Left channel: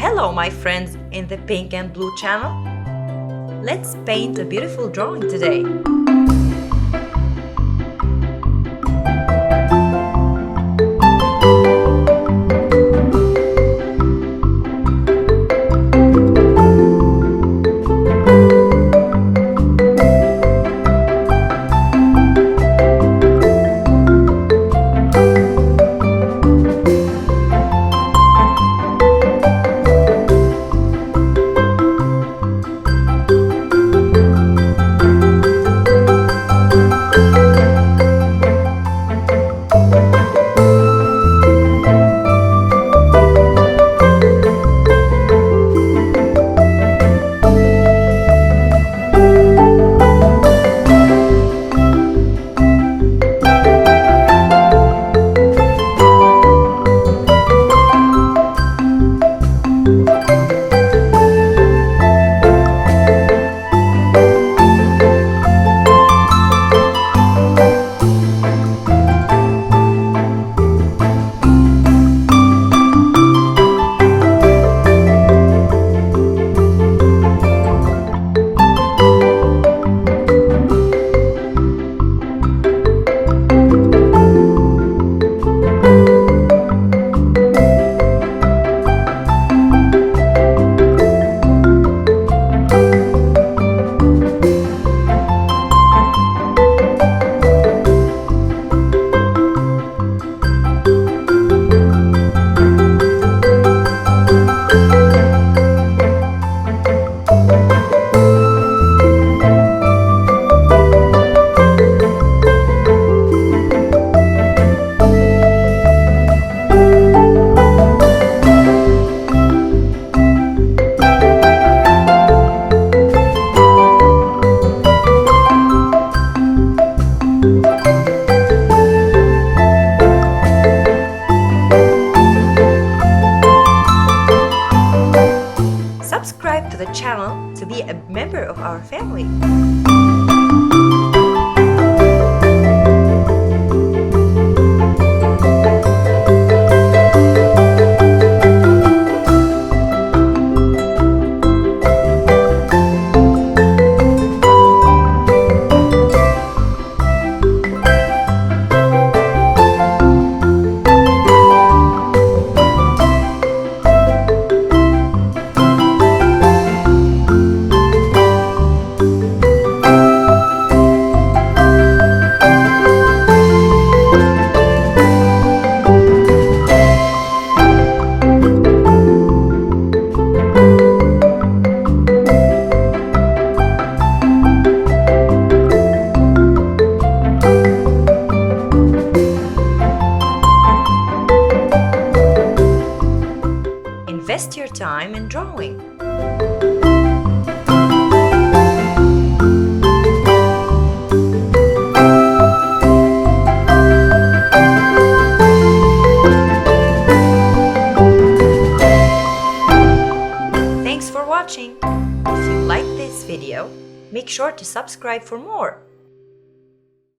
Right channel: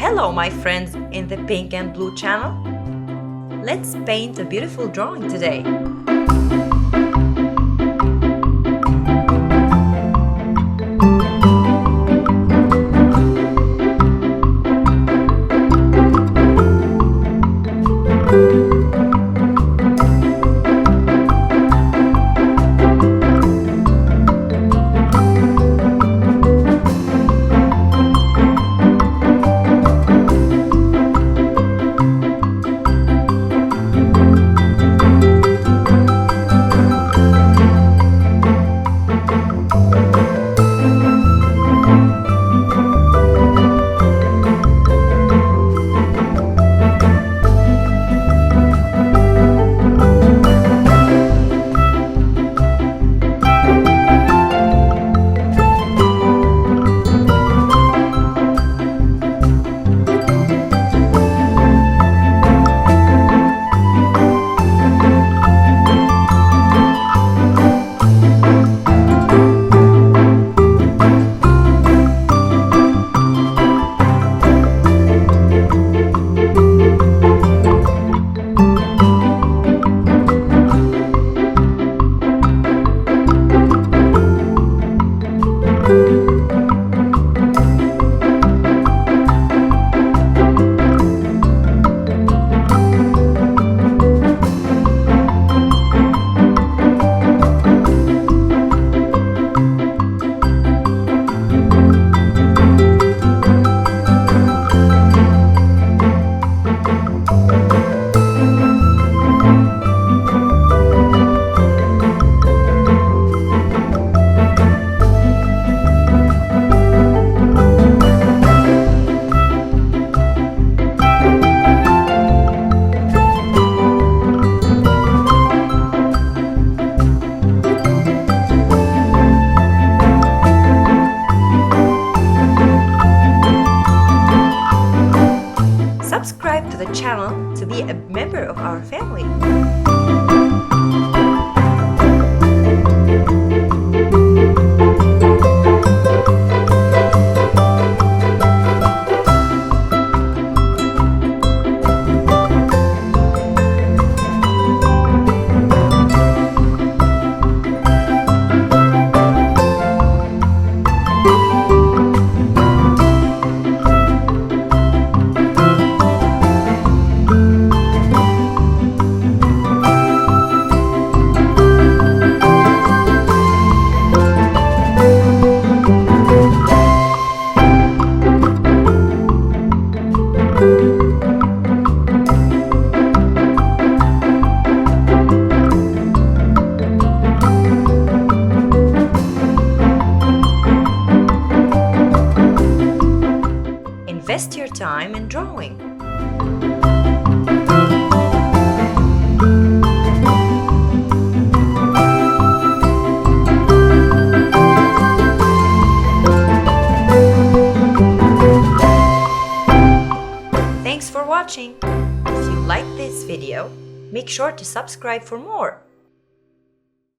Hello, my friends in the Pink and Blue channel. Let's paint a beautiful drawing today. Subscribe to the channel to be a member of our family. Invest your time in drawing. Thanks for watching. If you like this video, make sure to subscribe for more.